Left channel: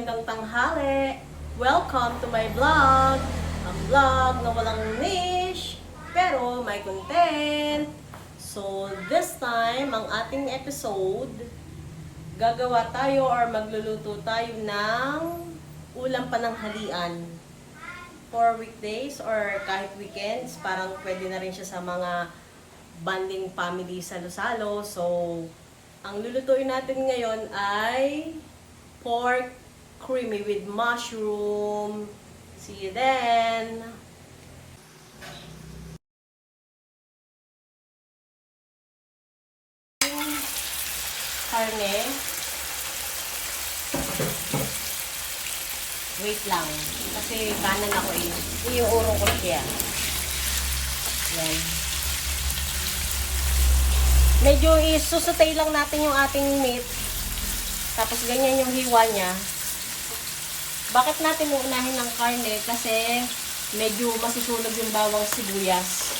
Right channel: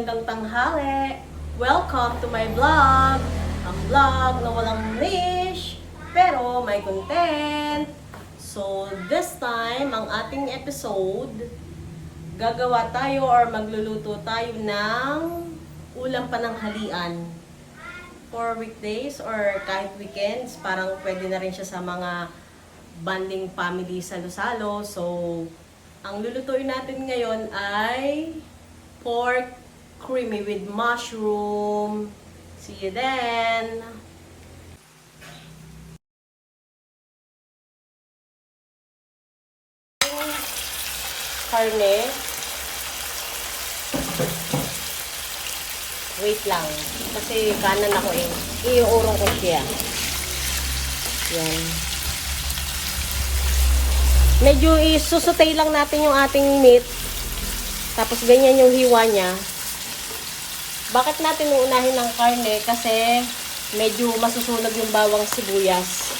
magandang tanghali. Welcome to my vlog. Ang vlog na walang niche, pero may content. So, this time, ang ating episode, gagawa tayo or magluluto tayo ng ulam pananghalian. For weekdays or kahit weekends, parang pwede na rin siya sa mga bonding family salo-salo. So, ang lulutuin natin ngayon ay pork creamy with mushroom. See you then! Karne. Wait lang. Kasi kanan ako eh. Iuurong ko siya. Yan. Medyo isusutay lang natin yung ating meat. Tapos ganyan yung hiwa niya. Bakit natin uunahin ng karne? Kasi medyo masusunog yung bawang sibuyas.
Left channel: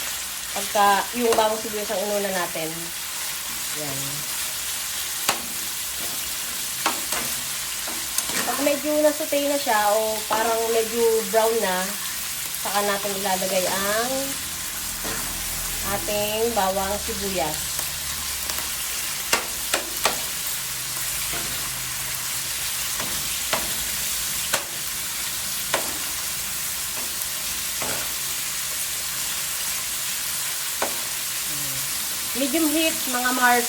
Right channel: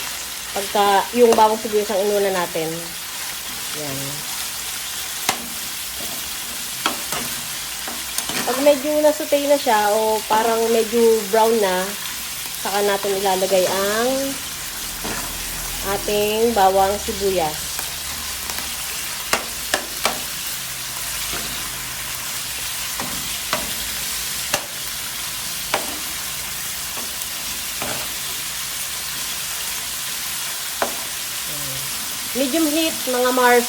Pagka yung bawang sibuyas ang inuna natin. Yan. Pag medyo nasutay na siya o parang medyo brown na, saka natin ilalagay ang ating bawang sibuyas. Medium heat, mga Mars.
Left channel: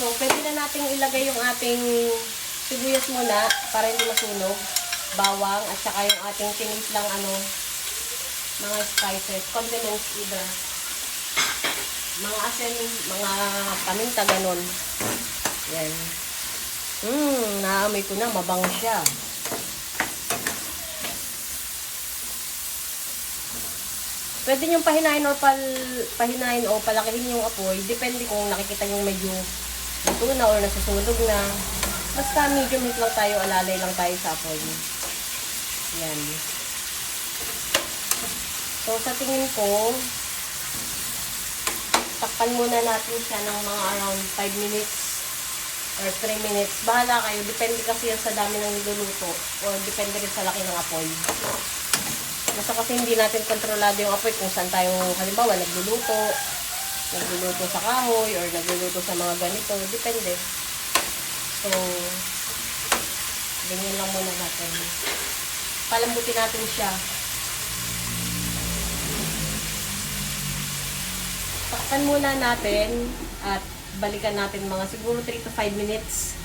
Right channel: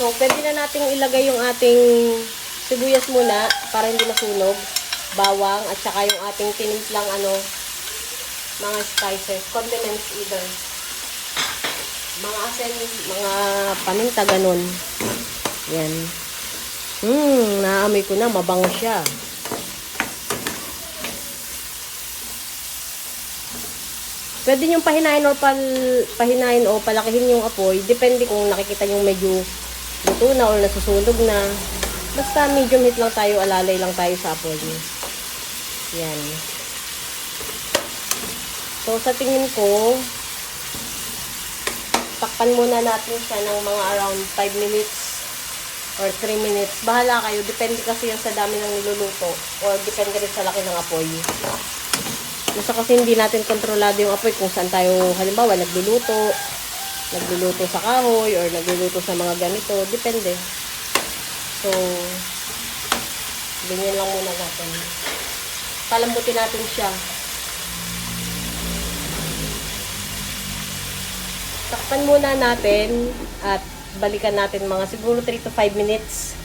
So, pwede na natin ilagay yung ating sibuyas muna para hindi masunog. Bawang at saka yung ating tinimplang mga spices, condiments either. Mga asin, mga paminta, ganun. Yan. Naamoy ko na, mabango siya. Pwede nyo pahinain o palakihin yung apoy. Depende kung nakikita nyo medyo luto na or nasusunog na. Basta medium heat lang tayo, alalay lang tayo sa apoy. Yan. So, sa tingin ko, takpan muna natin siya ng mga around 5 minutes or 3 minutes. Bahala kayo. Depende kasi yun sa dami ng niluluto or depende rin sa laki ng apoy. Gusto kasi hindi natin kontrolado yung apoy kung saan tayo, halimbawa, nagluluto sa kahoy or nagluluto sa mga ganito. Depende. So, ganyan lang muna natin. Palambutin natin siya. Takpan muna natin at balikan natin mga siguro 3 to 5 minutes.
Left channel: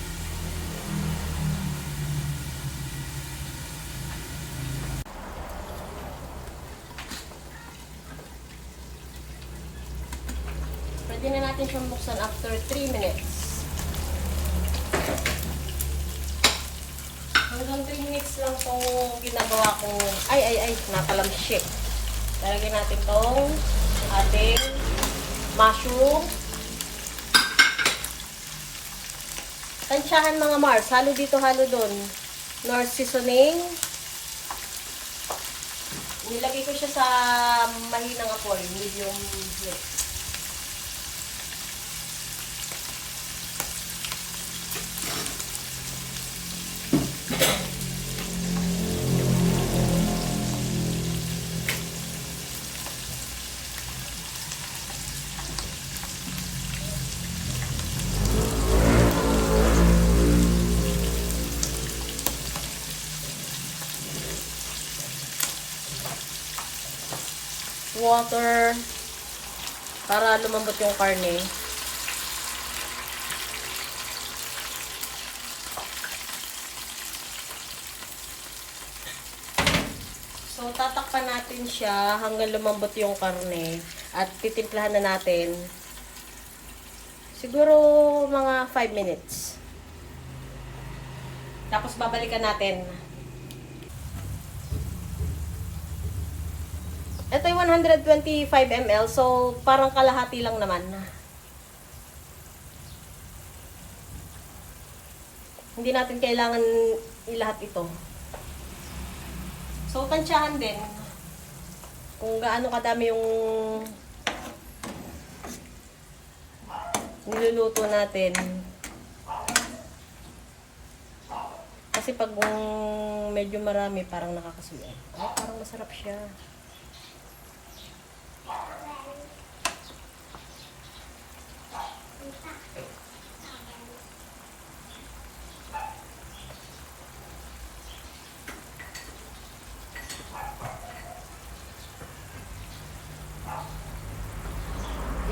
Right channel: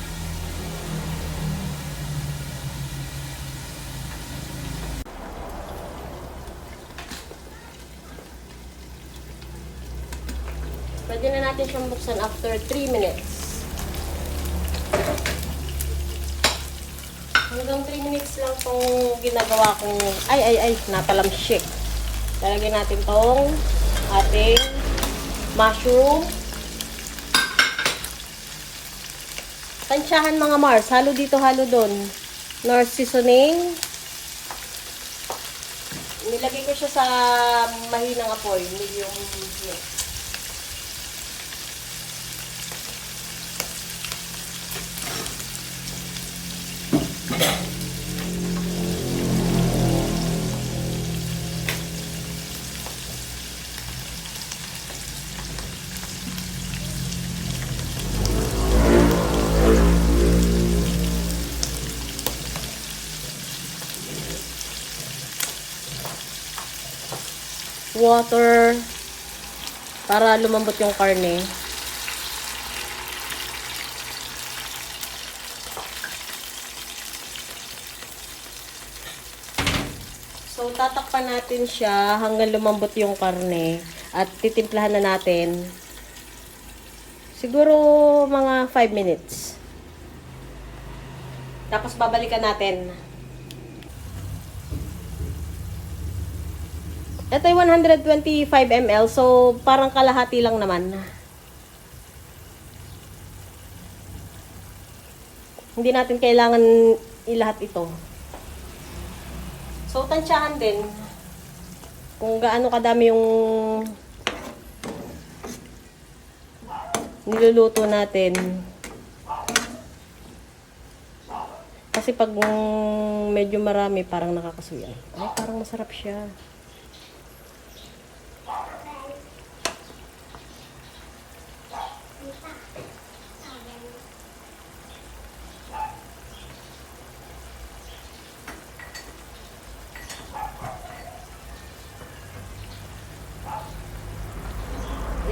Pwede na natin siyang buksan after 3 minutes. Hanggang 3 minutes lang itong ginagawa ko. Ay, napalamsi. Talagyan natin itong ating mushroom. Tansyahan mga Mars. Halo dito, halo doon. Nor seasoning. Nilagay ko siya sa mahinang apoy. Medium heat. Water para lumambot yung karne. So, tatakpan natin siya hanggang lumambot yung karne at titimplahan na natin. Siguro mga 5 minutes. Tapos babalikan natin. Ito ay 125 ml, so parang kalahati lang naman. Hindi natin kailangan ilahat ito. So, tansyahan din kung gaano kadami yung niluluto natin. Kasi pag medyo marami, parang nakakasuya. Ay, parang masarap siya.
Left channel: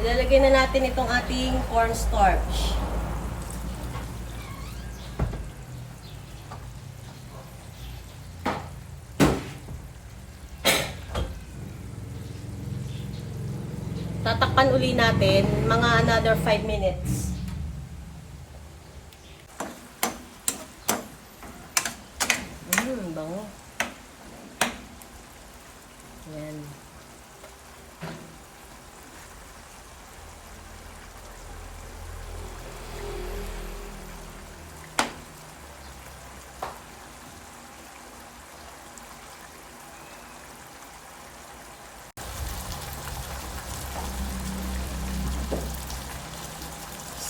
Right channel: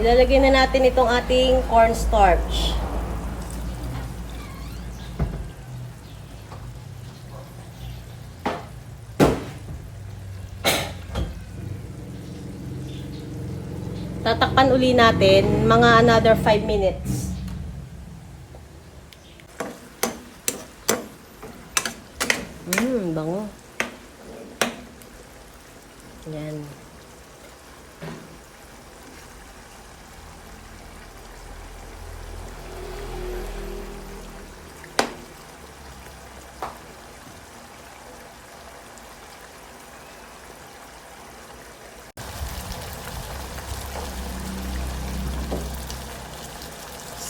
Ilalagay na natin itong ating cornstarch. Tatakpan uli natin mga another 5 minutes. Bango. Yan.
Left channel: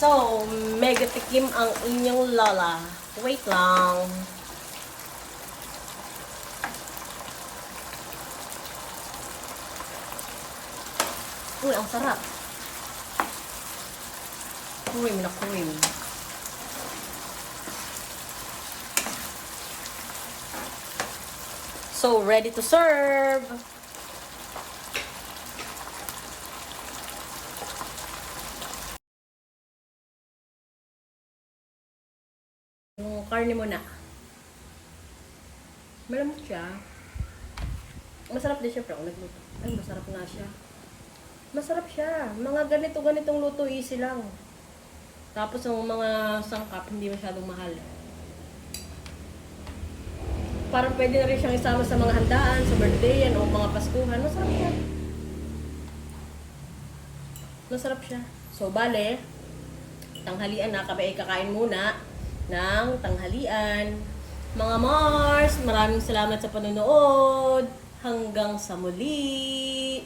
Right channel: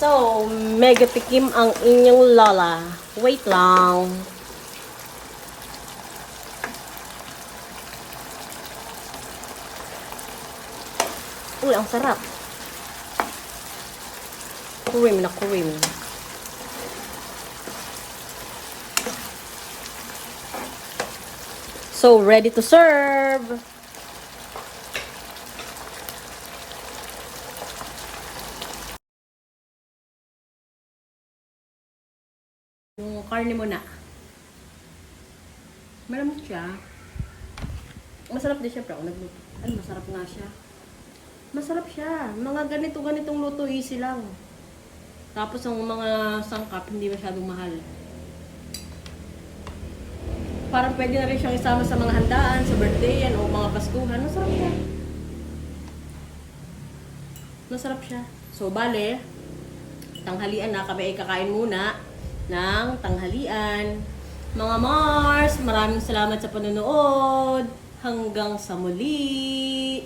So, mega tikim ang inyong lola. Wait lang. Uy, ang sarap. Cream na cream. So, ready to serve. Yung karne mo na. Malamot siya. Masarap din siya, pero ako nagluto. Ay, masarap na siya. Masarap siya. Mga ganitong luto, easy lang. Tapos ang mga sangkap, hindi masyadong mahal. Parang pwede na rin siyang isama sa mga handaan, sa birthday yan, o mga paskuhan. Masarap siya. Masarap siya. So, bale, tanghalian na, kami ay kakain muna ng tanghalian. Mga Mars, maraming salamat sa panonood. Hanggang sa muli.